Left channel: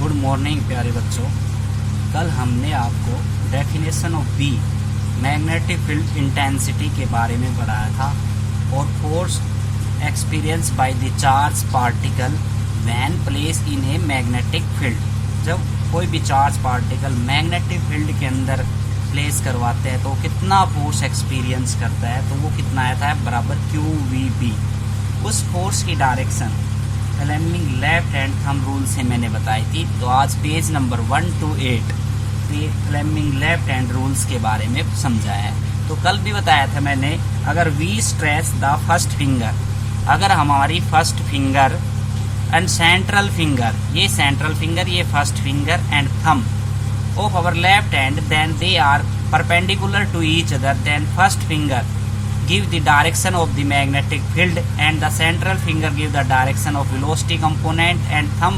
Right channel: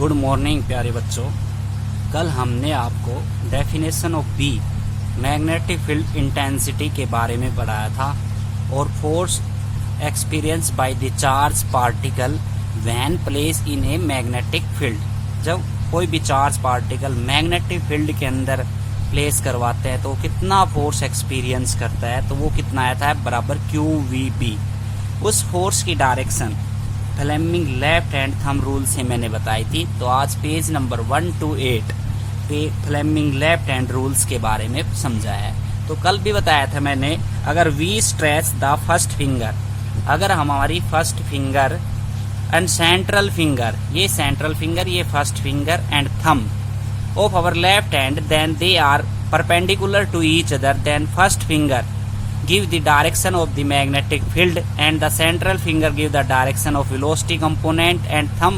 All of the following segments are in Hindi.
गुड मॉर्निंग प्यारे बच्चों। कल हमने आपको definition of B magnetic field intensity के बारे में बताया था और force experience by the charge particle when place in a magnetic field. जब कोई भी चार्ज पार्टिकल मैग्नेटिक फील्ड के अंदर प्लेस करवाते हैं तो कितना फोर्स एक्सपीरियंस करता है, तो वो कितना आता है बराबर QVB। उस फोर्स की direction Fleming left hand thumb rule से मैंने बताई थी। तो आज पेज नंबर 128 पे फ्लेमिंग लेफ्ट हैंड रूल्स के बारे में समझाया है। तो कल भी बताया था मैंने, अगर we stretch the first finger, अगर हमारी first finger and central finger, ये सेंट्रल फिंगर, ये first finger and thumb of our left hand, then they are perpendicular to each other, then first finger give the direction of the magnetic field and the central finger give the direction of velocity component and thumb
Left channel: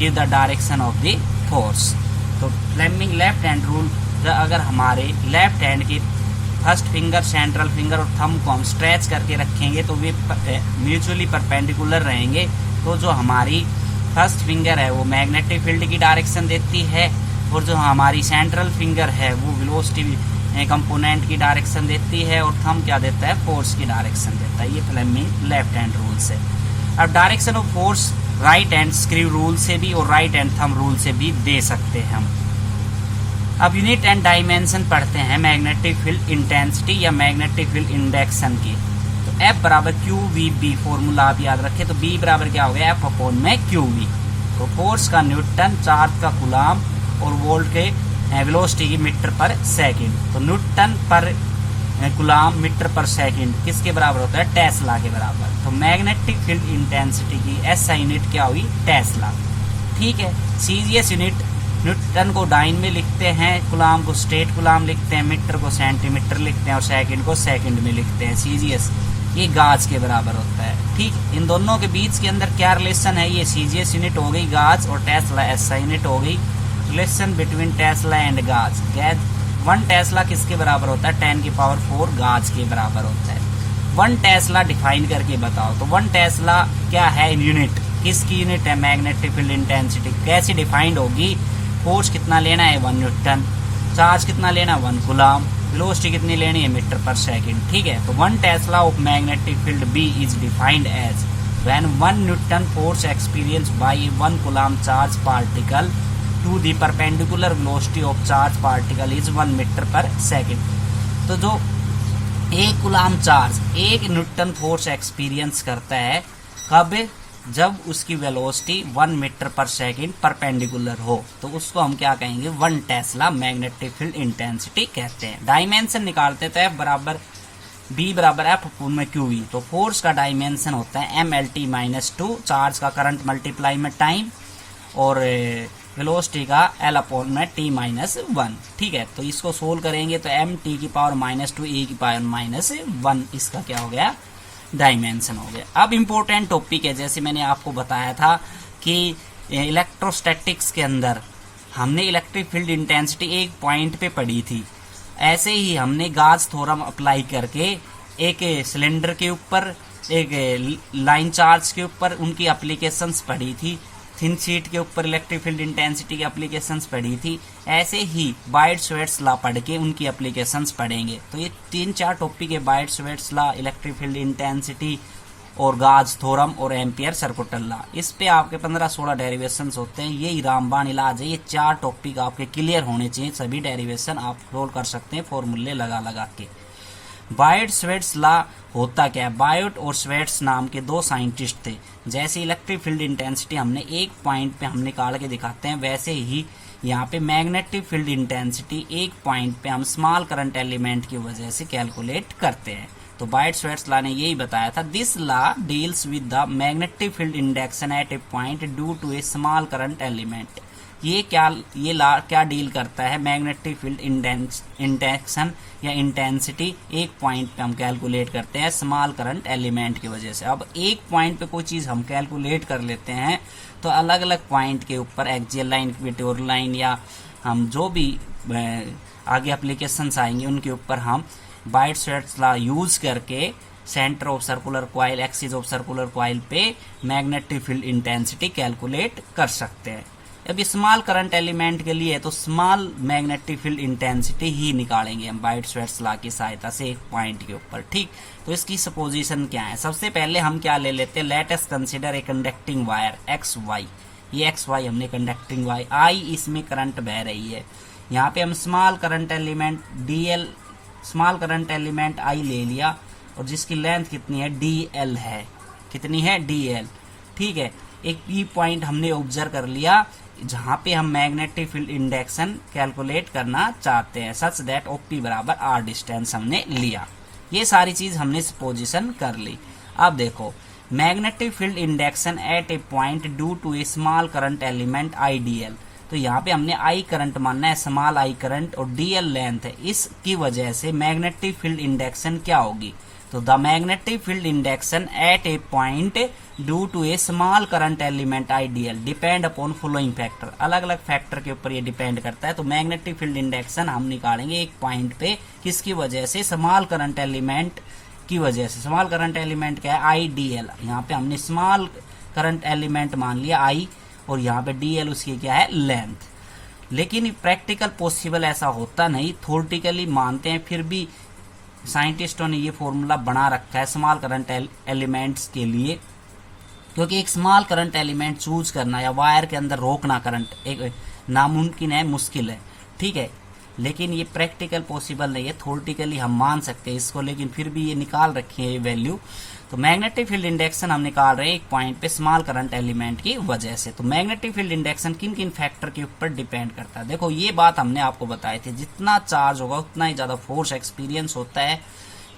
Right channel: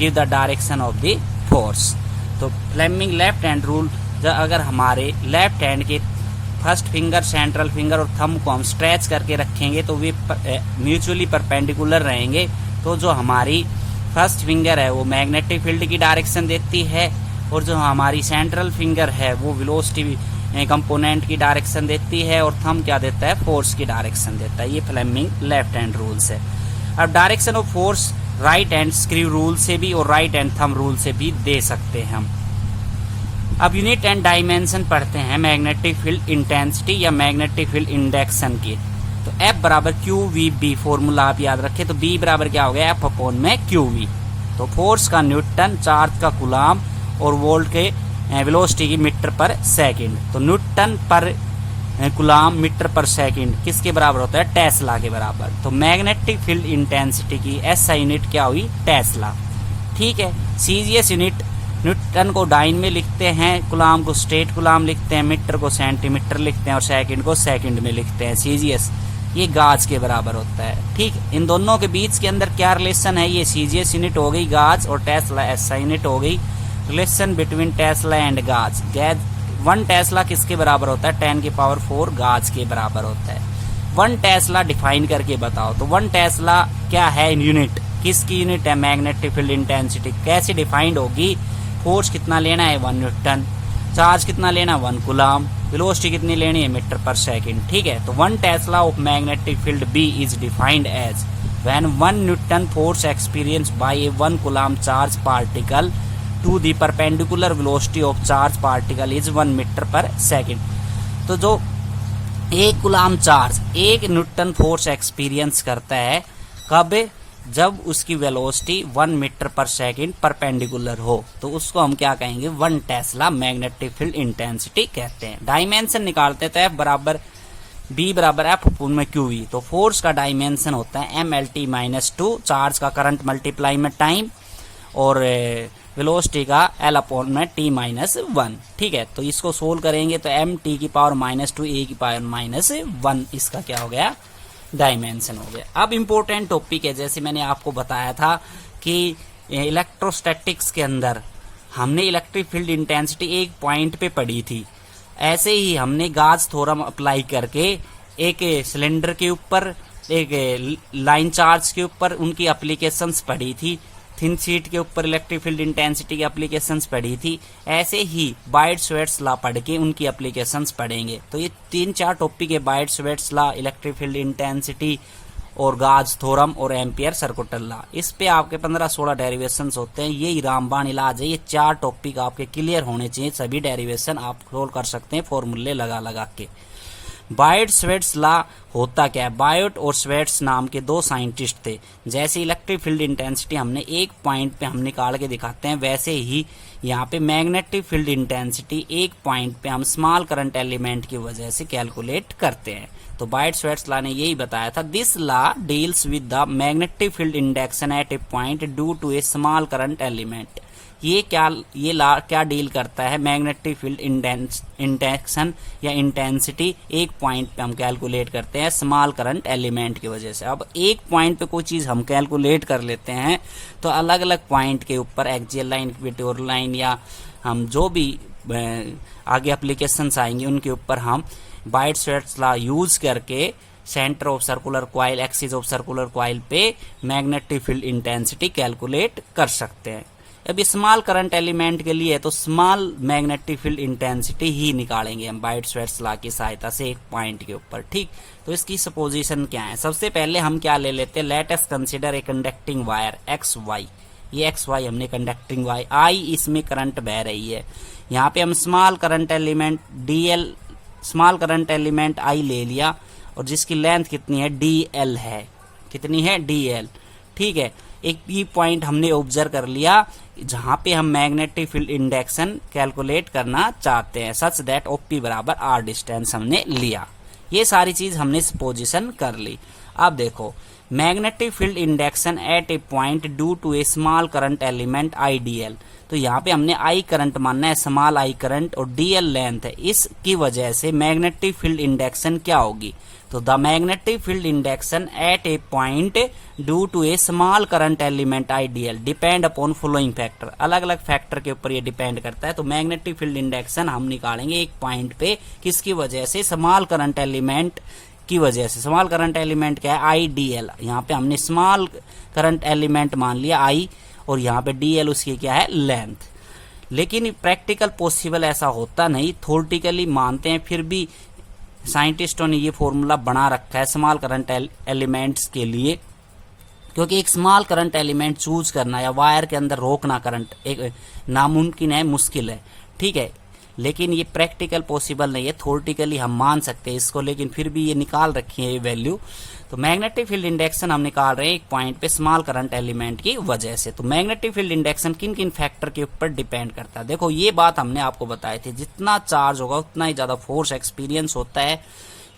give the direction of the force। तो फ्लेमिंग लेफ्ट हैंड रूल, अगर हमारे लेफ्ट हैंड के फर्स्ट फिंगर, सेंट्रल फिंगर और थंब को हम स्ट्रेच करके रखेंगे तो वे म्यूचुअली परपेंडिकुलर रहेंगे। तो जो हमारी फर्स्ट फिंगर है वो मैग्नेटिक फील्ड की डायरेक्शन देती है और जो हमारी सेंट्रल फिंगर है वो वेलोसिटी कंपोनेंट की डायरेक्शन देती है और थंब क्या देता है, फोर्स की डायरेक्शन देता है। ये फ्लेमिंग लेफ्ट हैंड रूल्स है। अब direction of force right hand screw rule से भी और राइट हैंड थंब रूल से भी दे सकते हैं हम। अब यूनिट एंड डायमेंशन पढ़ते हैं मैग्नेटिक फील्ड इंटेंसिटी या मैग्नेटिक फील्ड इंडेक्शन की। तो F बराबर QVB फॉर्मूला आप याद रखें। तो B बराबर क्या हो गया, F अपॉन में QV। तो फोर्स का न्यूटन, चार्ज का कूलम और वोल्ट के वेलोसिटी की मीटर पर सेकंड। तो न्यूटन पर कूलम मीटर पर सेकंड किसके बराबर होता है, टेस्ला के बराबर। तो मैग्नेटिक फील्ड इंटेंसिटी की SI यूनिट क्या हुई, टेस्ला। ठीक है। CGS यूनिट, न्यूटन को डाइन में लिखते हैं, कूलम को स्टेट कूलम लिखते हैं, मीटर को सेंटीमीटर लिखते हैं और सेकंड को सेकंड में लिखते हैं। CGS ये गाज के बराबर होता है। ठीक, इन दोनों के बीच के अंदर क्या रिलेशन है, ये CGS यूनिट हो गई गाज और टेस्ला SI यूनिट हो गई। रिलेशन बिटवीन टेस्ला एंड गाज। गैज 1 टेस्ला किसके बराबर होता है, 10⁴ गाज के बराबर होता है। 1 टेस्ला डिफाइन करके बताओ। तो 1 टेस्ला क्या है, यूनिट, किसकी यूनिट है, मैग्नेटिक फील्ड इंटेंसिटी। कैसे डिफाइंड होगी, फोर्स कितना लेना है 1 न्यूटन, चार्ज कितना लेना है 1 कूलम, वेलोसिटी कितनी लेनी है मीटर पर सेकंड। ठीक है। तो 1 tesla of magnetic field B is defined as when 1 newton force experience by a 1 coulomb charge particle to the perpendicular velocity of charge particle is 1 metre per second. तो जो 1 coulomb charge 1 newton force experience करता है, कब, जब उसकी velocity 1 metre per second perpendicular हो, तो उसको हम क्या कहेंगे, 1 टेस्ला मैग्नेटिक फील्ड इंटेंसिटी कहते हैं। डायमेंशन निकालते तो F बराबर B बराबर F अपॉन में QV। तो फोर्स का डायमेंशन होता है MLT-2, चार्ज का करंट मल्टीप्लाई में टाइम और वेलोसिटी का L अपॉन में T-1। ठीक है। तो इसको सोल्व करेंगे तो MT की पावर -2 A की पावर -1, इसका क्या हो गया, डायमेंशन हो गया। अब इम्पोर्टेंट टॉपिक है, जैसे मैंने आपको बताया था कि इलेक्ट्रोस्टैटिक्स के अंदर हमने इलेक्ट्रिक फील्ड इंटेंसिटी एक पॉइंट पे पढ़ी थी, ऐसे ही हमने गाज थ्योरम अप्लाई करके एक सिलेंडर के ऊपर, एक लाइन चार्ज के ऊपर उनकी एप्लीकेशंस पढ़ी थी, थिन शीट के ऊपर इलेक्ट्रिक फील्ड इंटेंसिटी की एप्लीकेशंस पढ़ी थी। ऐसे ही बायट-स्वेट्स लॉ पढ़ के उनकी एप्लीकेशंस पढ़ेंगे। तो ये 3-4 टॉपिक है, बायट-स्वेट्स लॉ, इलेक्ट्रिक फील्ड इंटेंसिटी और गाज थ्योरम और एम्पियर सर्कुलर लॉ। इस पे आपके 15-16 डेरिवेशंस होते हैं। यही रामबाण इलाज है। ये 4 टॉपिक आपके क्लियर होने चाहिए, सभी डेरिवेशन आप सोल्व कर सकते हैं फॉर्मूले लगा लगा के। बायट-स्वेट्स लॉ होता क्या है, बायट और स्वेट्स नाम के 2 साइंटिस्ट थे। जैसे इलेक्ट्रिक फील्ड इंटेंसिटी हमने एक पॉइंट पे हम निकाल के दिखाते हैं, वैसे ही यहाँ पे मैग्नेटिक फील्ड इंटेंसिटी एक पॉइंट पे हम स्मॉल करंट एलिमेंट की वजह से कैलकुलेट करते हैं। तो बायट-स्वेट्स लॉ ने यही बताया था, this law deals with the magnetic field induction at a point due to a small current element. ये लॉ क्या डील करता है, मैग्नेटिक फील्ड इंडेक्शन या इंटेंसिटी एक पॉइंट पे हम कैलकुलेट करते हैं स्मॉल करंट एलिमेंट की वजह से। अब एक पॉइंट पे कोई चीज हम कैलकुलेट कर लेते हैं तो अलग अलग पॉइंट के ऊपर एक्सियल लाइन, इक्वेटोरियल लाइन या हम जो भी आगे एप्लीकेशंस आएंगे उनके ऊपर हम बायट-स्वेट्स लॉ यूज करके centre of circular coil, axis of circular coil पे मैग्नेटिक फील्ड इंटेंसिटी कैलकुलेट कर सकते हैं। अब स्मॉल करंट एलिमेंट के लिए तो स्मॉल मैग्नेटिक फील्ड इंटेंसिटी ही निकालेंगे हम बाइट-स्वेट्स लॉ की सहायता से एक पॉइंट के ऊपर। ठीक, तो इसकी सपोजिशन क्या है? सबसे पहले हम क्या ले लेते हैं, let us consider a conducting wire X Y. ये एक्स वाई हमने कंडक्टिंग वाई, आई इसमें करंट बह रही है। यहाँ पे हम small current element D L, small current element I ले लिया और जिसकी लेंथ कितनी है, डीएल है। कितनी है, डीएल। ठीक है, एक पी पॉइंट हमने ऑब्जर्व कर लिया जहां पे हम मैग्नेटिक फील्ड इंडेक्शन कैलकुलेट करना चाहते हैं, सच दैट ओपी बराबर आर डिस्टेंस हमने लिया। ये सारी चीज हमने पोजीशन कर ली। अब देखो, magnetic field induction at a point due to a small current element I D L. तो यहाँ पे हमने आई करंट मानना है, स्मॉल आई करंट, और डीएल लेंथ है। इसकी वजह से मैग्नेटिक फील्ड इंडेक्शन क्या होगी? तो the magnetic field induction at a point due to a small current element I D L depend upon following factor. अलग अलग फैक्टर के ऊपर ये डिपेंड करता है। तो मैग्नेटिक फील्ड इंडेक्शन हम निकालेंगे एक पॉइंट पे, किसकी वजह से? स्मॉल करंट एलिमेंट की वजह से। स्मॉल करंट एलिमेंट क्या है? आईडीएल। यहाँ पे हमने स्मॉल करंट एलिमेंट मान लिया आई, और यहाँ पे डीएल उसकी क्या है? लेंथ। लेकिन प्रैक्टिकल पॉसिबल ऐसा होता नहीं, थ्योरेटिकली मानते हैं, फिर भी साइंटिस्टों ने ये फॉर्मूला बना रखा है स्मॉल करंट एलिमेंट्स के लिए, क्योंकि एक स्मॉल करंट एलिमेंट चूज करना या वायर के अंदर रोकना करंट एक नामुमकिन है, मुश्किल है। ठीक है, लेकिन ये प्रैक्टिकल पॉसिबल नहीं है। थ्योरेटिकली हम मान सकते हैं इसको, लेकिन फिर भी ये निकाल रखी है ये वैल्यू। तो मैग्नेटिक फील्ड इंडेक्शन हम निकाल रहे हैं एक पॉइंट पे स्मॉल करंट एलिमेंट की वजह से। तो मैग्नेटिक फील्ड इंडेक्शन किन किन फैक्टर के ऊपर डिपेंड करता है? देखो, ये बात हमने आपको बताई थी, जितना चार्ज होगा उतना ही ज्यादा फोर्स एक्सपीरियंस होता है,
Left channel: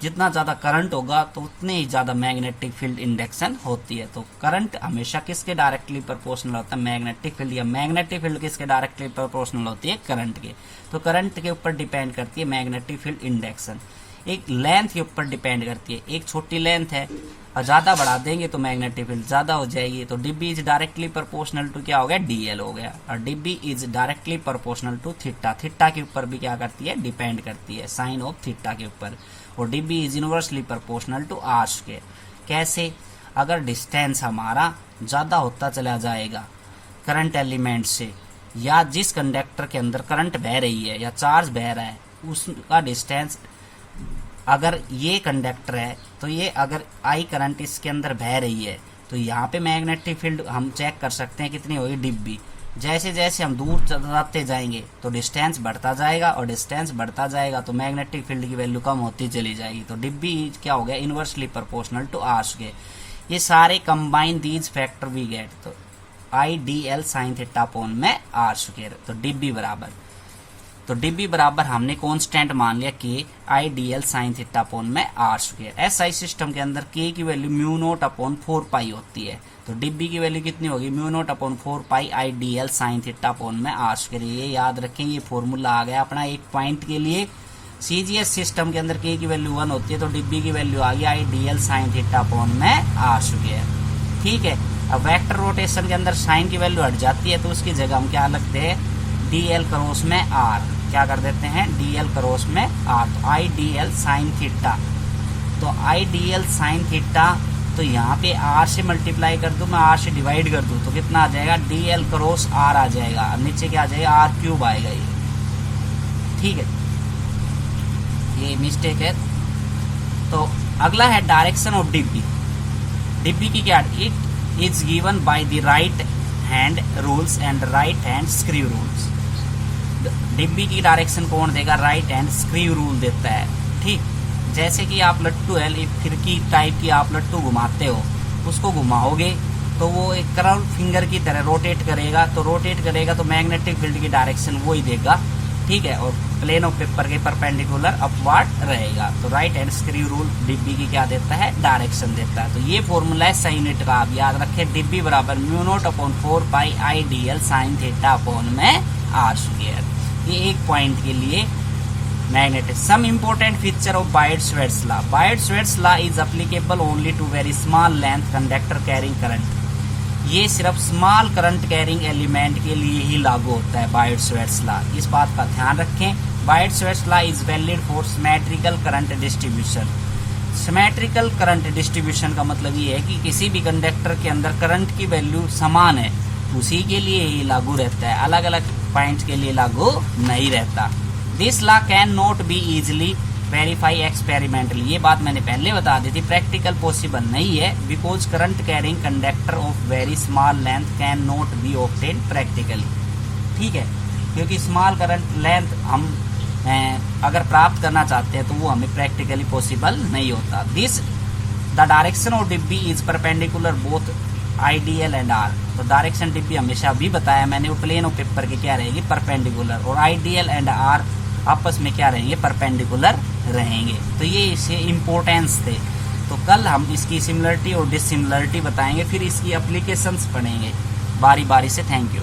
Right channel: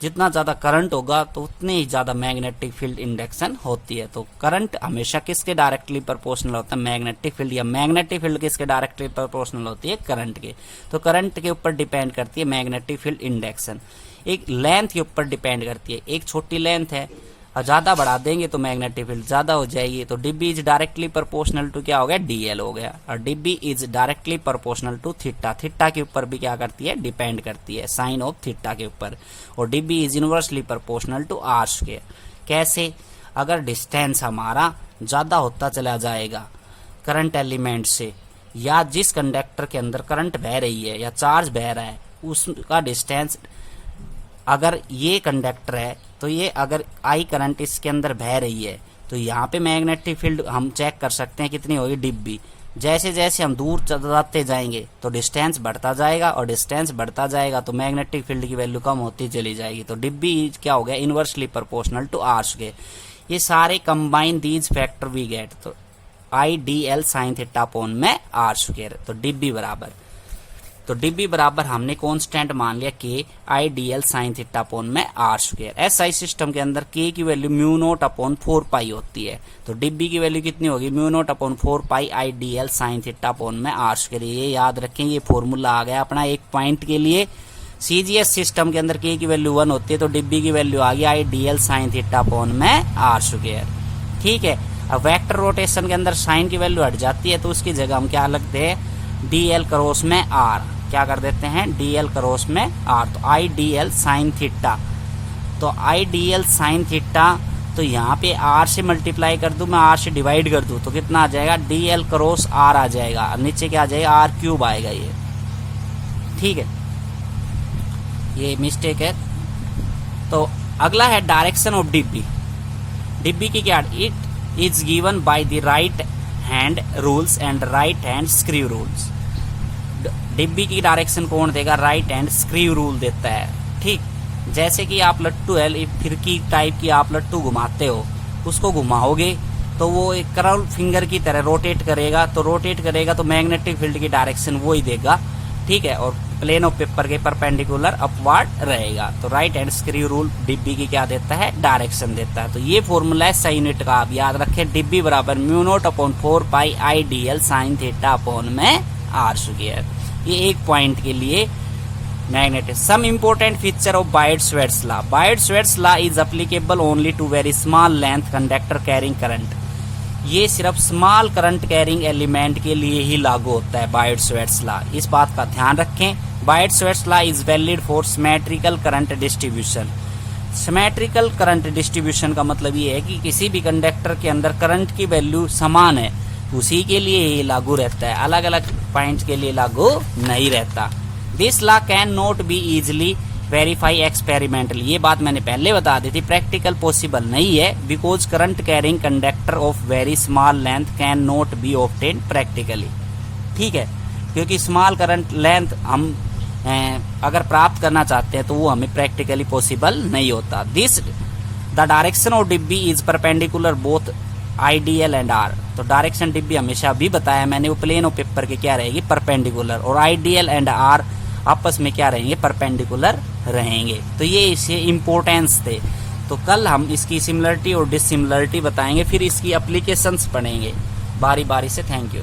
जितना ज्यादा करंट होगा तो उतनी ही ज्यादा मैग्नेटिक फील्ड इंडेक्शन होती है। तो करंट हमेशा किसके डायरेक्टली प्रोपोर्शनल होता है? Magnetic field. या मैग्नेटिक फील्ड किसके डायरेक्टली प्रोपोर्शनल होती है? करंट के। तो करंट के ऊपर डिपेंड करती है मैग्नेटिक फील्ड इंडेक्शन। एक लेंथ के ऊपर डिपेंड करती है। एक छोटी लेंथ है और ज्यादा बढ़ा देंगे तो मैग्नेटिक फील्ड ज्यादा हो जाएगी। तो D B is directly proportional to क्या हो गया? डीएल हो गया। और D B is directly proportional to theta. Theta के ऊपर भी क्या करती है? डिपेंड करती है, साइन ऑफ थीटा के ऊपर। और D B is inversely proportional to R square. कैसे? अगर डिस्टेंस हमारा ज्यादा होता चला जाएगा करंट एलिमेंट से, या जिस कंडक्टर के अंदर करंट बह रही है या चार्ज बह रहा है उसका डिस्टेंस, अगर ये कंडक्टर है तो ये अगर आई करंट इसके अंदर बह रही है तो यहाँ पे मैग्नेटिक फील्ड हम चेक कर सकते हैं कितनी होगी? डीबी। जैसे जैसे हम दूर जाते जाएंगे तो डिस्टेंस बढ़ता जाएगा, और डिस्टेंस बढ़ता जाएगा तो मैग्नेटिक फील्ड की वैल्यू कम होती चली जाएगी। तो डीबी क्या हो गया? Inversely proportional to R square. ये सारे combine these factor we get. तो I D L sine theta upon में आर स्क्वायर। तो डीबी बराबर, तो डीबी बराबर हमने कांस्टेंट मान लिया के I D L sine theta upon में आर स्क्वायर। एसआई सिस्टम के अंदर के की वैल्यू म्यू नोट अपॉन 4 पाई होती है। तो डीबी की वैल्यू कितनी होगी? Mu naught upon 4 pi I D L sine theta upon में आर स्क्वायर। ये याद रखें, ये फॉर्मूला आ गया अपना एक पॉइंट के लिए। सीजीएस सिस्टम के अंदर के की वैल्यू 1 होती है, तो डीबी की वैल्यू आ गई आई D L sine theta upon में आर स्क्वायर। ठीक है, अब वेक्टर रोटेशन के अंदर साइन की वैल्यू हट जाती है, तो उसकी जगह हम क्या लगते हैं? डी एल क्रॉस में आर। क्या कर देते हैं? डीएल क्रॉस में आर। तो I D L sine theta, तो I D L sine theta, तो यहाँ पे आर से मल्टीप्लाई कर दूं मैं, आर से डिवाइड कर दूं तो कितना आ जाएगा? डीएल क्रॉस आर आ जाएगा। अब नीचे क्या आ जाएगा? आर क्यूब आएगा ये। ठीक है, ये मिस्टेक है। तो अगला है डायरेक्शन ऑफ डीबी। डीबी की क्या? It is given by the right hand rules and right hand screw rules. डिब्बी की डायरेक्शन कौन देगा? राइट हैंड स्क्रू रूल देता है। ठीक, जैसे कि आप लट्टू है, फिरकी टाइप की आप लट्टू घुमाते हो, उसको घुमाओगे तो वो एक कर्व फिंगर की तरह रोटेट करेगा। तो रोटेट करेगा तो मैग्नेटिक फील्ड की डायरेक्शन वो ही देगा। ठीक है, और प्लेन ऑफ पेपर के परपेंडिकुलर अपवर्ड रहेगा। तो राइट हैंड स्क्रू रूल डिब्बी की क्या देता है? डायरेक्शन देता है। तो ये फॉर्मूला है सही यूनिट का, आप याद रखें। डिब्बी बराबर mu naught upon 4 pi I D L sine theta upon में आर स्क्वायर। ये एक पॉइंट के लिए magnetic. Some important feature of Biot Savart's law. Biot Savart's law is applicable only to very small length conductor carrying current. ये सिर्फ स्मॉल करंट कैरिंग एलिमेंट के लिए ही लागू होता है बायट-स्वेट्स लॉ, इस बात का ध्यान रखें। Biot Savart's law is valid for symmetrical current distribution. Symmetrical current distribution का मतलब ये है कि किसी भी कंडक्टर के अंदर करंट की वैल्यू समान है उसी के लिए ये लागू रहता है, अलग अलग पॉइंट के लिए लागू नहीं रहता। This law can not be easily verify experimentally, ये बात मैंने पहले बता दी थी, प्रैक्टिकल पॉसिबल नहीं है, because current carrying conductor of very small length can not be obtain practically. ठीक है, क्योंकि स्मॉल करंट लेंथ हम अगर प्राप्त करना चाहते हैं तो वो हमें प्रैक्टिकली पॉसिबल नहीं होता। This the direction of D B is perpendicular both I D L and R, तो डायरेक्शन डिब्बी हमेशा भी बताया मैंने वो प्लेन ऑफ पेपर के क्या रहेगी, परपेंडिकुलर, और आईडीएल एंड आर आपस में क्या रहेंगे, परपेंडिकुलर रहेंगे। तो ये इसके इम्पोर्टेंस थे। तो कल हम इसकी सिमिलरिटी और डिसिमिलरिटी बताएंगे, फिर इसकी एप्लीकेशंस पढ़ेंगे बारी बारी से। Thank you.